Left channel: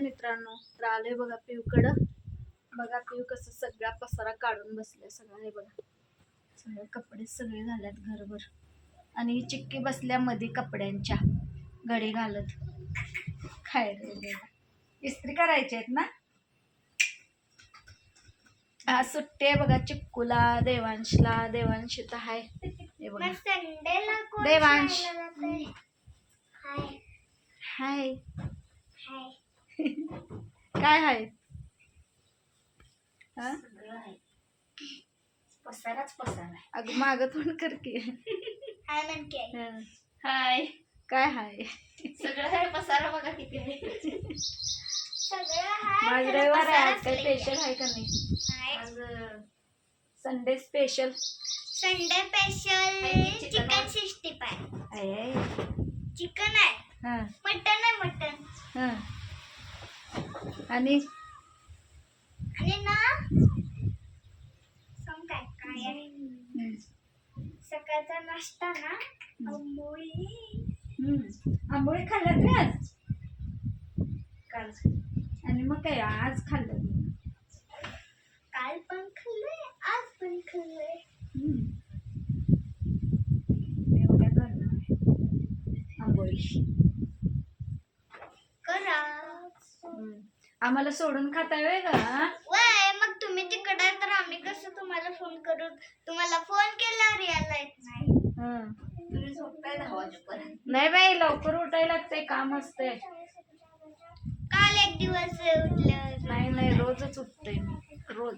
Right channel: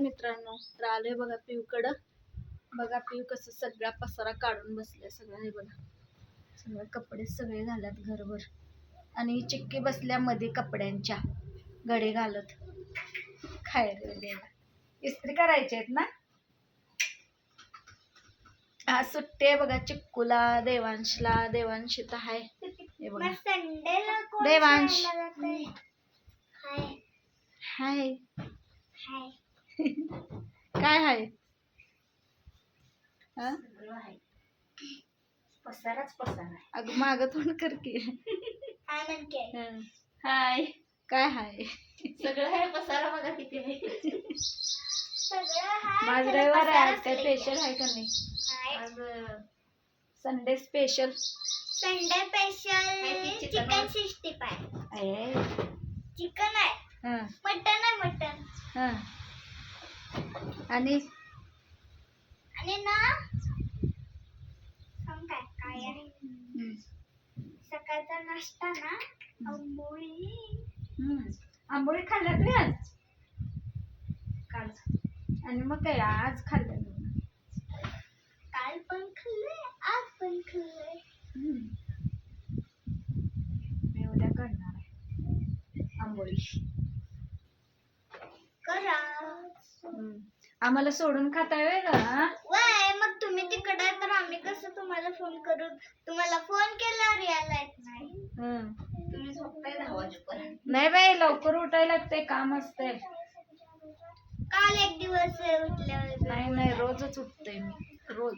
मित्रांनो, तर आलोय बघा पिऊकडं. बघा पिऊ कसं सगळा पसारा काढून बसले. सगळं हे बघा, सगळे कपडे सगळे घालत घरभर, आणि चिक्की बसल्या मध्ये कपड्यांच्या घडी घालत. काय रे देवा, इस्त्री करायचे आहेत ना. आज सुट्टी आहे बघा चिक्कूला, देवांशला. देवांश तर आहे हे बघा. देवांश हाय. काय हाय? पसाराच पसारा. अगं माग तोंड कर की. हाय. काय हाय? सगळं आहे पसारा बघा किती आहे. माझ रविवार आहे, आज काय स्पेशल आहे का नाही? आज Sunday special. Sunday special chicken 65 आहे. चिकन आहे. हां मटन आहे. मटन हां. आणि ना सांग काय काय आहे. सकाळचा नाश्ता ना आंबोळी. आंबोळी खाल्ल्यात रे आज काल, आणि मग काय आज खाल्लं. काल पण खाल्लंय, आज पण खाल्लंय. मी उद्या करणार आहे आंबोळी. करा. आम्हाला सोडून खाताय वेळ का? वय मग तुम्ही तिकडे तर आम्ही कसं तुम्हाला फोन करू. तुम्हाला फोन केला रियाला येत नाही. तुम्ही झोपताय 10 वाजेपर्यंत. नाही बाई, लवकर उठायला लागतंय, काम असतंय. काल एक दिवस उठल्यावर नाही रोजच उठते मी, रोज.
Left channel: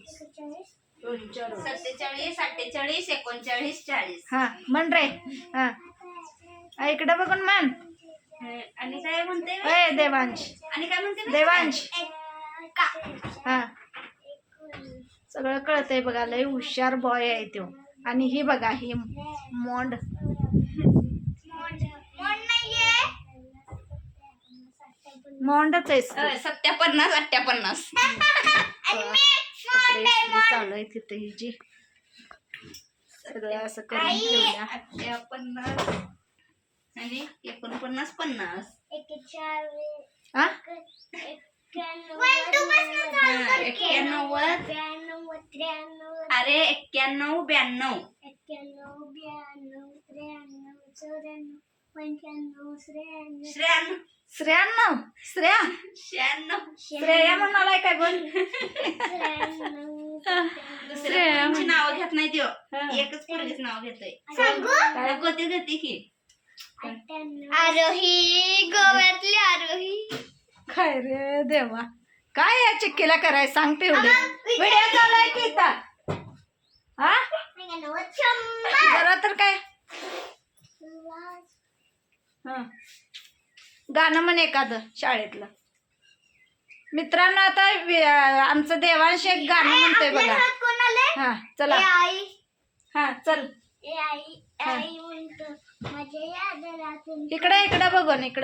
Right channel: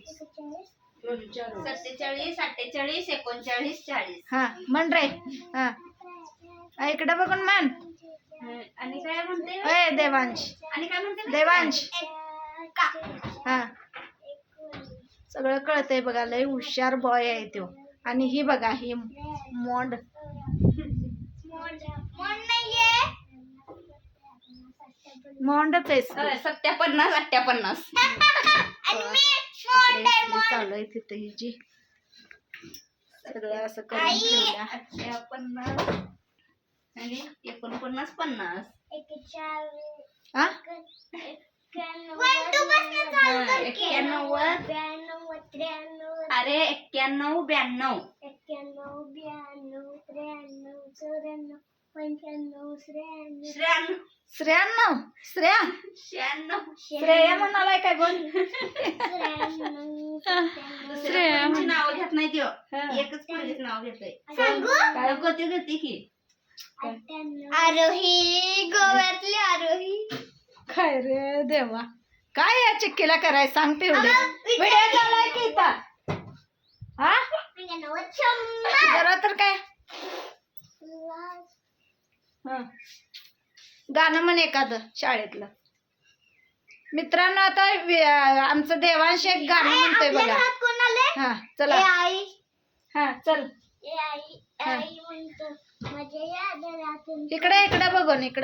47, 48, 39, 40. हा म्हण रे. हा इकडे बघून म्हण. आणि काय म्हणते? ए देवांश. आणि काय म्हणते? देवांश. हा सगळं कळतंय बघा, लय हुशार बॉय आहे तो. आणि ही बघा, ही मोंड. मोंडच आहेस तू. 57, 58. चालू आहे तिथे ही जी सगळं असं करून ठेवल्या. 58 आणि 49, 50. हा 91. अरे 91, 92. श्रेया श्रेया म्हणालाय काय बोल. दुसऱ्यांची नाव घेत नाही त्यो, एकच पोरीच नाव घेतोय. काय गती गती की आरोही, गोव्यातली आरोही. काय रे देवा, काय या चिक्कीला कराय सांग तेवढे. व्हिडिओ चालू की इथं. हा जरा तर काय. गाणं म्हण एखादं शाळेतलं. मित्रांनो, आता आमचं देवांश एक गाणं म्हणतोय बघा. हा चला. हा चल. इकडे बघून नीट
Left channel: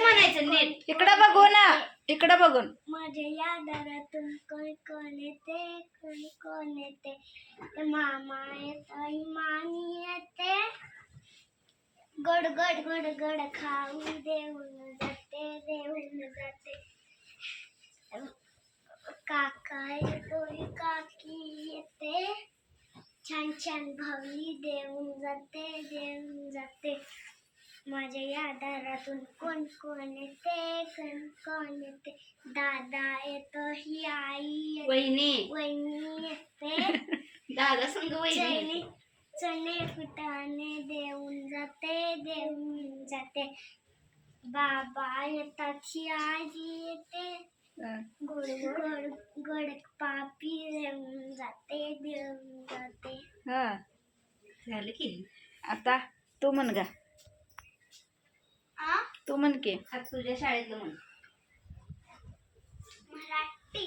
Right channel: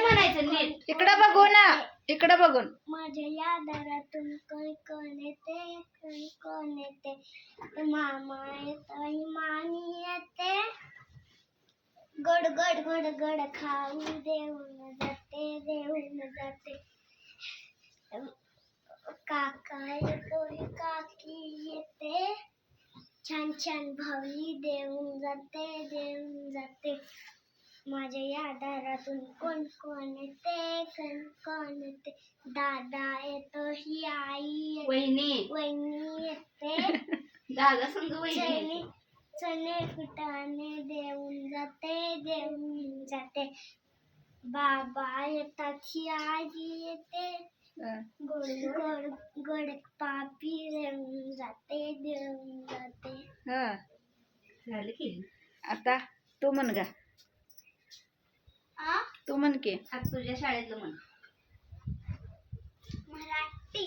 म्हणायचं, नीट. इकडे बघू ना, इकडे बघून. माझ्या या दारातून कोण येते. मामा येतो, मामी येते. गोड गोड गोड गोड खाऊ देऊन जाते. काका येतो, काकी येते. छान छान भावली देऊन जाते. माझ्या या दारातून कोण येते. दादा येतो, ही आई येते. वहिनी येते. दादा संग वहिनी. चणे फुटाणे देऊन जाते. बाबा येतात, ही आजी येते. गोड गोड गोड पापी देऊन जाते. हा झालं की. आता तू म्हण गा. तू म्हण की. तुझ्या शाळेतलं म्हण. मराठी